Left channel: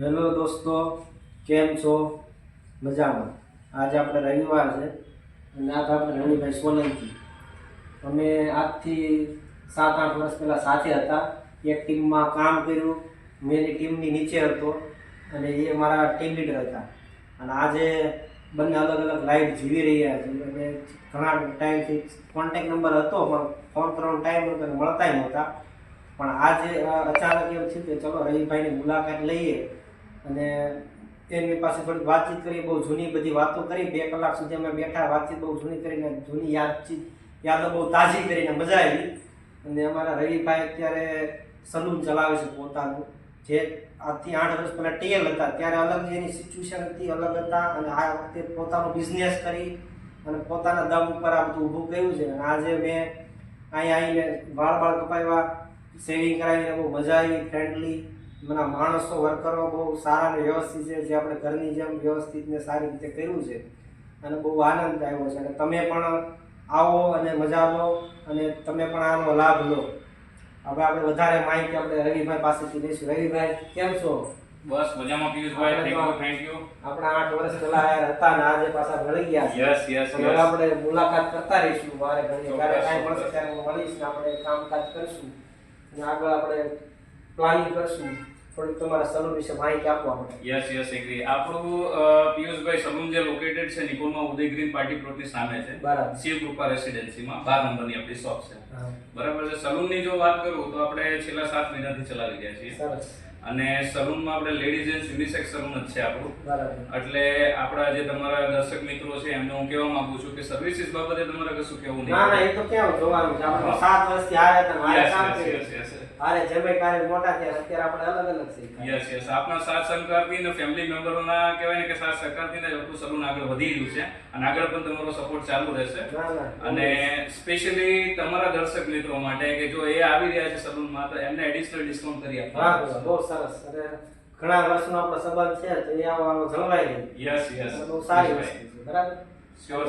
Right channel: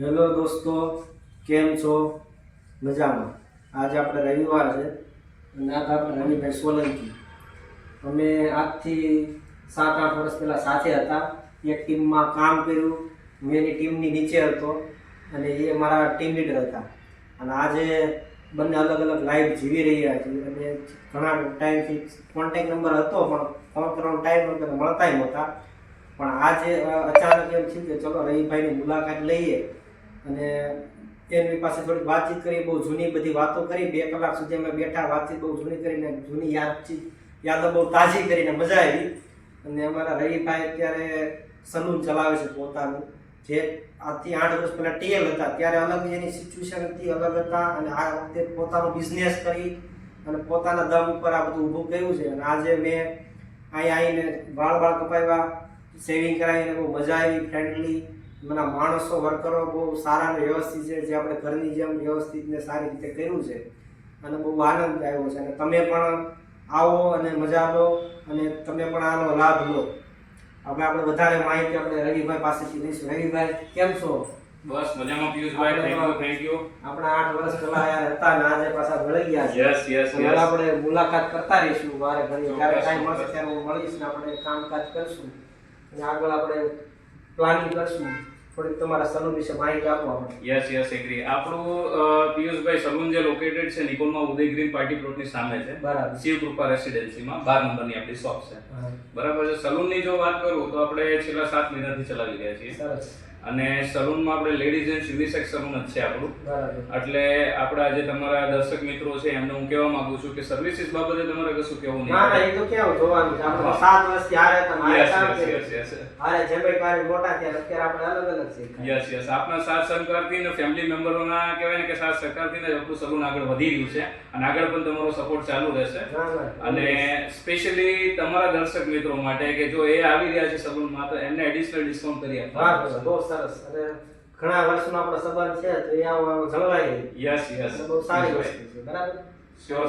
Hello દોસ્તો, કેમ છો? મજામાં? આજે આપણે રવિવાર છે અને આજ આપણે રવિભાઈ સોલંકી. અમે આજથી 7-8 વર્ષ પહેલાં સાથે હતા. એક ટીમમાં કામ કર્યું. મેં એની ટીમની નીચે હતો અને એ મારા ટીમ લીડર હતા. અને આજે બંને અલગ અલગ લાઈફ જીવી રહ્યા છીએ અને ઘણા ટાઈમથી કોન્ટેક નંબર હતો પણ ફોન કરવાનો ટાઈમ નહોતો, મળતાય નહોતા. પણ આજે અચાનક એમ થયું કે ચલો રવિભાઈની મુલાકાત લઈએ અને એમની પાસે થોડીક વાતચીત કરી. બહુ જૂની બધી વાતો કરી. 2 કલાક સુધી અમે બેઠા, વાતચીત બહુ જૂની કરીને, જૂની યાદો બહુ તાજી કરીને મજા આવી. અને અમારા રવિભાઈ અત્યારે સલૂન ચલાવે છે પોતાનું, જે આજથી 8 વર્ષ પહેલાં ટીએલ હતા ત્યારે અલગ એની સિચ્યુએશનથી અલગ હતા અને આ વખતે પોતાનો બિઝનેસ કરી અને પોતાના દમ ઉપર આ બધું ઊભું કર્યું છે. અને આજે મેં અહીંયા આવીને વાળ કપાવ્યા, સેવિંગ કરાવીને બહુ મજા આવી. ફ્રેન્ડલી મને માણસો, વર્કરો બહુ સારા ને વ્યવસ્થિત છે, જે આપણે ઘરની જેમ વ્યવસ્થિત ને સારી રીતે કર્યું છે અને બહુ આનંદ આવ્યો છે. અને તમે પણ આવો અને મજા લો અને તમે પણ આનો લાભ લો. હવે આપણે વધારે માહિતી આપણે રવિભાઈ પાસેથી લઈશું. રવિભાઈ, કેમ છો? બસ મજામાં પિયુષભાઈ, થેન્ક યુ. આપણા 8 વર્ષ પહેલા યાર હતા ને આજે પાછા મળી ગયા છે. યસ હવે આપણે મુલાકાત કરતા રહીશું. મારે ઘણી ક્યારે ટાઈમ મળશે ત્યારે હું મળીશ ને આપણે કામકાજ કરશું અને આગળ આપણે પ્લાનિંગ કરશું. થોડીક તમારા સલૂન વિશે માહિતી આપો આપણે. Yes agree. આપણું પિયુષભાઈ સલૂન જે લોકેટેડ છે નિકોલમાં ઉદય ગ્રીન પાર્ટી પ્લોટની સામે છે. બરાબર. શિવ કૃપા રેસિડેન્સીમાં 12 નંબરની આપણી શોપ છે. બરાબર છે. સલૂનની જો વાત કરું તો આપણે છેલ્લા 7 મહિનાથી ચલાવી રહ્યા છીએ. સરસ. અને સલૂનમાં આપણે લેડીઝ એન્ડ યુનિસેક્સ સલૂન જ છે આપણું. એટલે આપણા જે તમારા દર્શક મિત્રો છે એમને હું કહેવા માંગુ છું કે સર્વિસીસ બાબતે તમારે કશું કહેવું નહીં. ના, એ તો કેવું જોવાનું છે. આપણે 7 વર્ષથી આવ્યા હતા, મારે કામ કર્યું. અરે જેભાઈ મારે મોટા થયા, અત્યારે આપણે અલગ અલગ છે. યસ આપના સાથ સહકારથી અને ફેમિલી મેમ્બરોના કહેવાય ને કે સાથ સહકારથી જ આપણું સલૂન આગળ વધી રહ્યું છે અને આગળ પણ તમારો સપોર્ટ ચાલુ રહેશે. અને સ્પેશિયલી તમારા દર્શક મિત્રો માટે કે જો એ આવી રહ્યા છે સલૂનમાં તો એમને એડિશનલ ડિસ્કાઉન્ટ કરી આપવા. બહુ સરસ. અને ઘણા વર્ષનો આપણો સંબંધ છે તો અહીંયા જળવાઈ રહી. યસ બહુ સારી વસ્તુ છે. બરાબર. શ્યોર.